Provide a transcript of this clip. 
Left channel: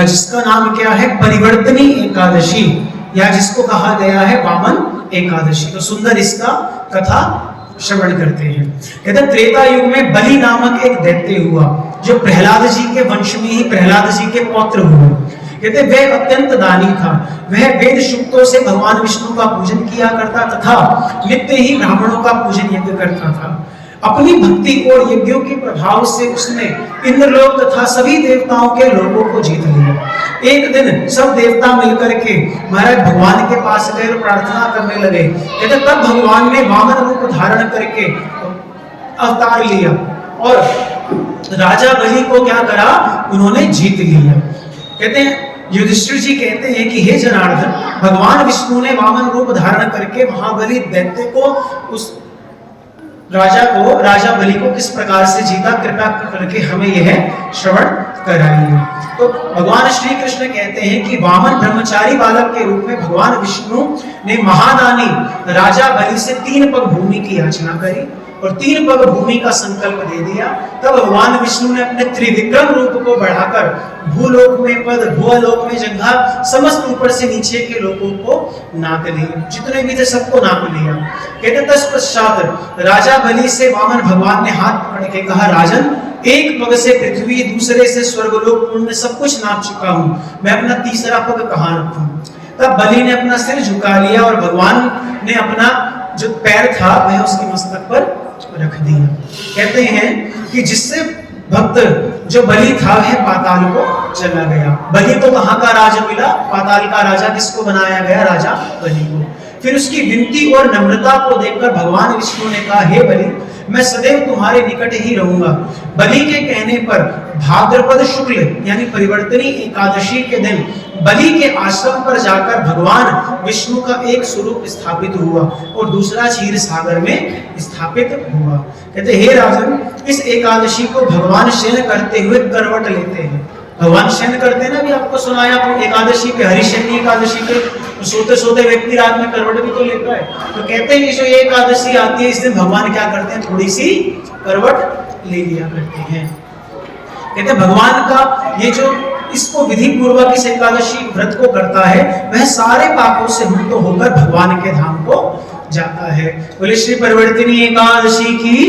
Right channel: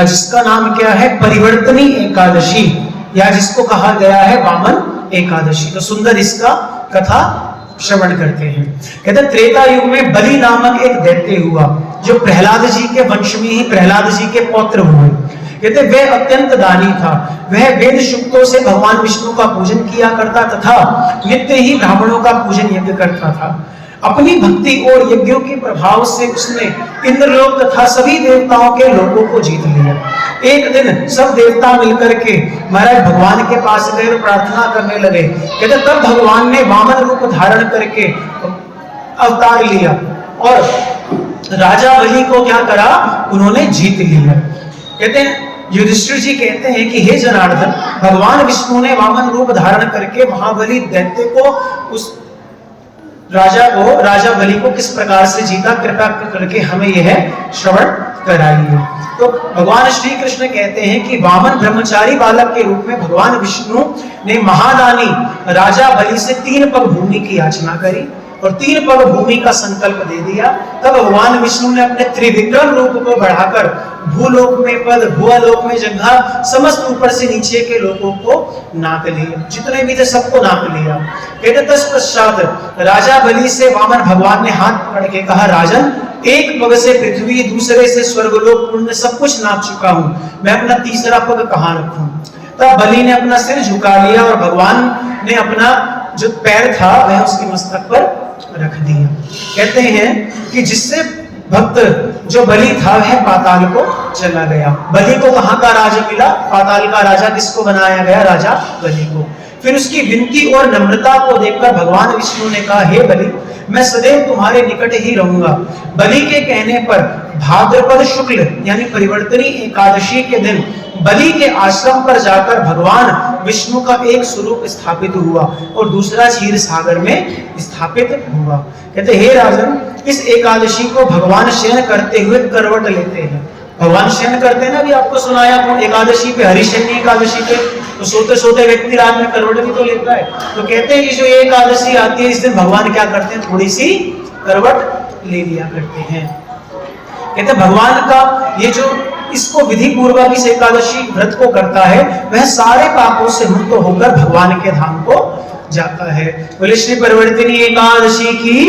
जिसका नाम क्या है, परिवर्तनी एकादशी, या जिसको कहा गया है वामन एकादशी। तो सुंदर इसका कथा श्रवण करते हैं। कहते त्रेता युग में बलि नामक एक दैत्य हुआ, जो प्रहलाद जी के वंश में ही प्रहलाद जी के पौत्र हुए। कहते वह अत्यंत दानी था। वह वेद सूक्तों से भगवान विष्णु का पूजन किया करता तथा नित्य ही ब्राह्मणों का पूजन यज्ञ करता था। अपनी भक्ति और यज्ञों के प्रभाव से उसने इंद्रलोक तथा सभी देवताओं के लोगों को जीत लिया। एक दिन सब देवता मिलकर के महाराज भगवान के पास गए और प्रार्थना करने लगे। कहते तब भगवान ने वामन रूप धारण करके अवतार लिया और राजा बलि को क्या करा, उन्होंने जीत लिया। कहते हैं युधिष्ठिर जी कहते हैं कि हे जनार्दन, भगवान विष्णु ने वामन रूप धारण करके महाबली दैत्य को, उस राजा बलि को किस प्रकार से जीता, कृपा करके हमें यह श्रवण कराइए। तो भगवान श्री कृष्ण कहते हैं कि वामन ब्रह्मचारी बालक के रूप में भगवान विष्णु ने महादानी राजा बलि से 3 पग भूमि की याचना करी और 3 पग भूमि का संकल्प दे दिया। तब भगवान विष्णु ने अपने त्रिविक्रम रूप को बढ़ाकर भूलोक में पद, भूलोक में जंघा, समस्त ऊपर से नीचे के लोगों को नाप लिया, जितने भी थे सबको नाप लिया। कहते तत्पश्चात राजा बलि से वामन भगवान ने हाथ पकड़ के कहा, राजन, एक पग से पृथ्वी, दूसरे से स्वर्गलोक, पुण्य सब कुछ नाप चुका हूं, मैं अपना तीसरा पग कहां रखूं। तब बलि ने अपना सिर झुका लिया और भगवान ने अपना जो पैर था वह उसके मस्तक पर रख दिया। कहते हैं कि जिससे भक्त जो बलि था वह पाताल को चला गया। बलि को कहां का राजा मिला, पाताल का राजा किसको बनाया गया, राजा बलि को। फिर उसकी विनती और नम्रता को देखकर भगवान विष्णु ने कहा, हे बलि, मैं सदैव तुम्हारे निकट ही रहूंगा। बलि के कहने पर भाद्रपद शुक्ल यानी परिवर्तनी एकादशी के दिन बलि के आश्रम पर जाकर भगवान विष्णु का एक स्वरूप स्थापित हुआ और दूसरा क्षीर सागर में स्थापित हुआ। कहते हे राजन, इस एकादशी को भगवान शयन करते हुए करवट लेते हैं। भगवान शयन करते हैं ना, अभी आपको सुनाया एकादशी पे, हरिशयनी एकादशी पे तो सोते सोते व्यक्ति रात में करवट भी तो लेता है। तो कहते हैं कि जो ये एकादशी आती है इस दिन भगवान क्या करते हैं, थोड़ी सी करवट ले लिया करते हैं। कहते भगवान का ये जो इसको विधि पूर्वक इस एकादशी व्रत को करता है वह सारे पापों से मुक्त होकर भगवान के धाम को जाता है। बोले श्री परिवर्तनी एकादशी की